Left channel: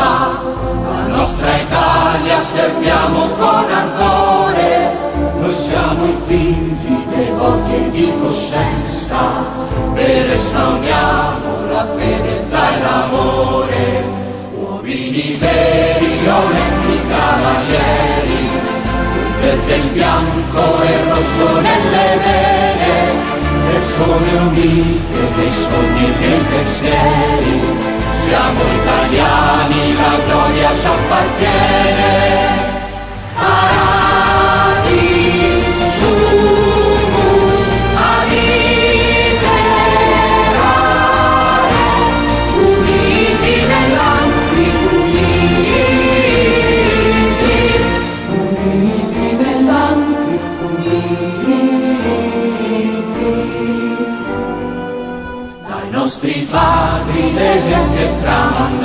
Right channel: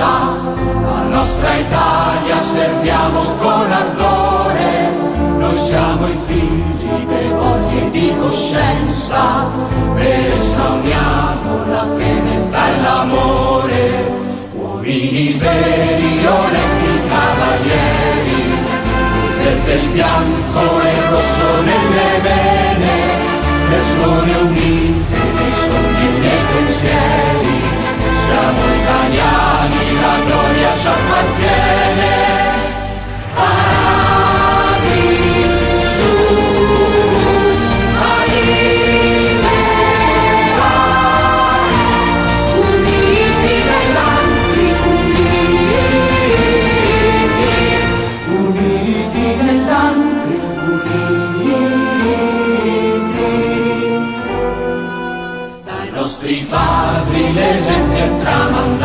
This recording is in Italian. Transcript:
sa, la nostra Italia serviamo con ardore. Noi siamo i figli devoti e di coscienza, per essa uniamo la fedeltà e l'amore. Uomini veri, onesti cavalieri, un verde, il bianco e il rosso nelle vene, persone unite nei sogni e nei pensieri. Siamo italiani, la gloria ci appartiene. Sumus ad imperare, uniti nell'anti, uniti nell'anti, uniti. Dai nostri padri l'esempio è tramandato,